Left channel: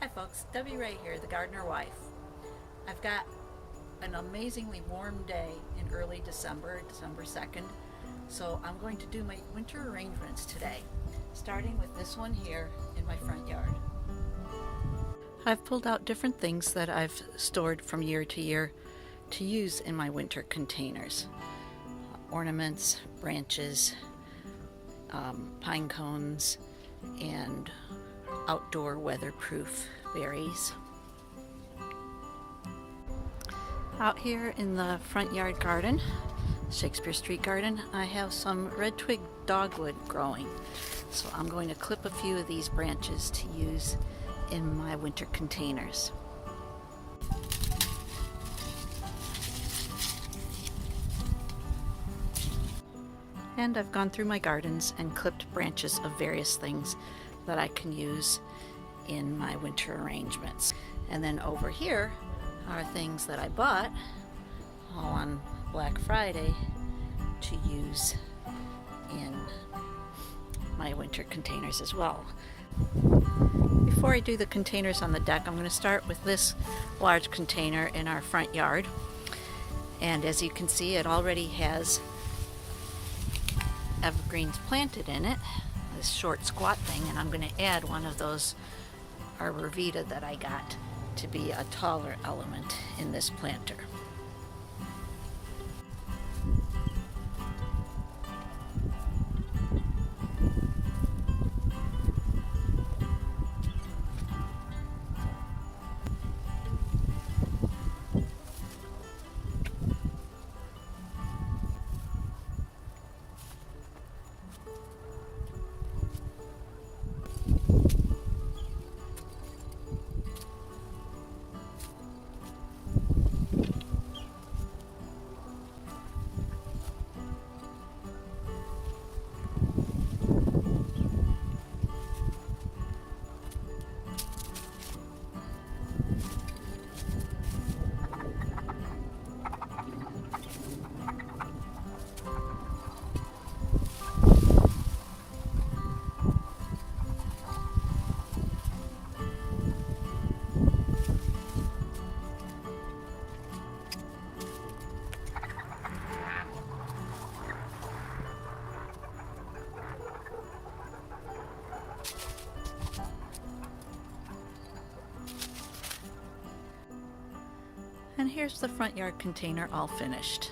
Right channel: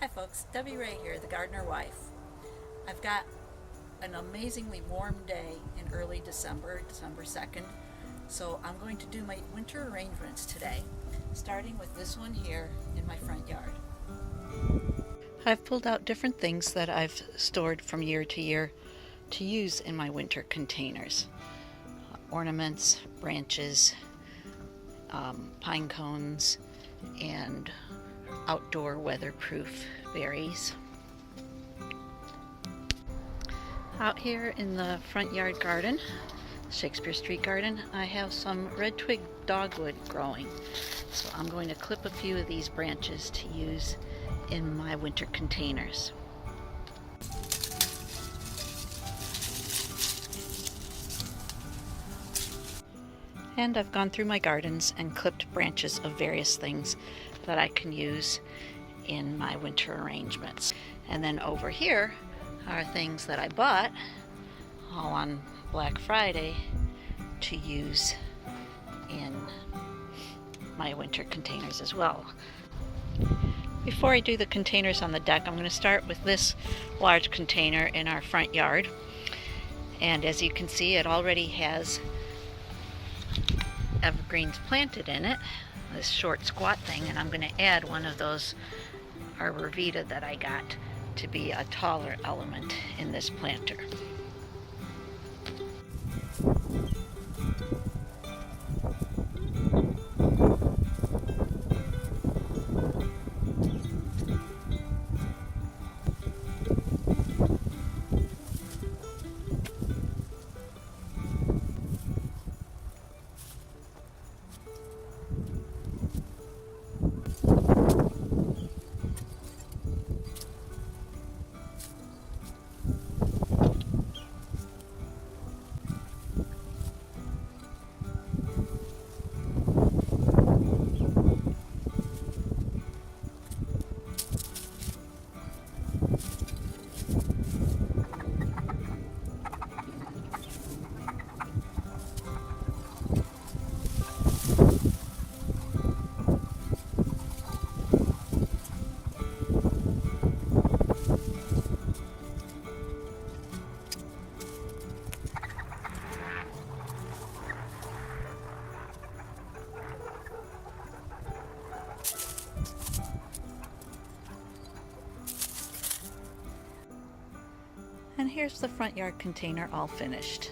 Hi folks, Debbie Ray here, the gardener wife. I've got an amazingly warm day in early December 2nd, so I'm going to do my winter arrangements today, starting with this one here in my front yard. I've pulled out different things that I've stored from year to year to use in my winter containers. Ornaments, branches, pine cones, and outdoor weatherproof berries. Out here in the front yard garden, Shakespeare Street garden, I have some red twig dogwood growing. So I'm going to clip a few of these branches to use in my winter containers. And I've gone through my gardens and clipped branches of various things that I can use in my winter arrangements. And then over here are things that I bought all on Black Friday to use in my winter containers as well. Before I do the containers on the deck, I'm going to start with this large container in our front yard. And as you can see, it already has evergreens planted in it, this short squat thing, and I'm going to add one of those Arbor Vitae that I got to be a taller element in this planter. And here's the front yard container all finished.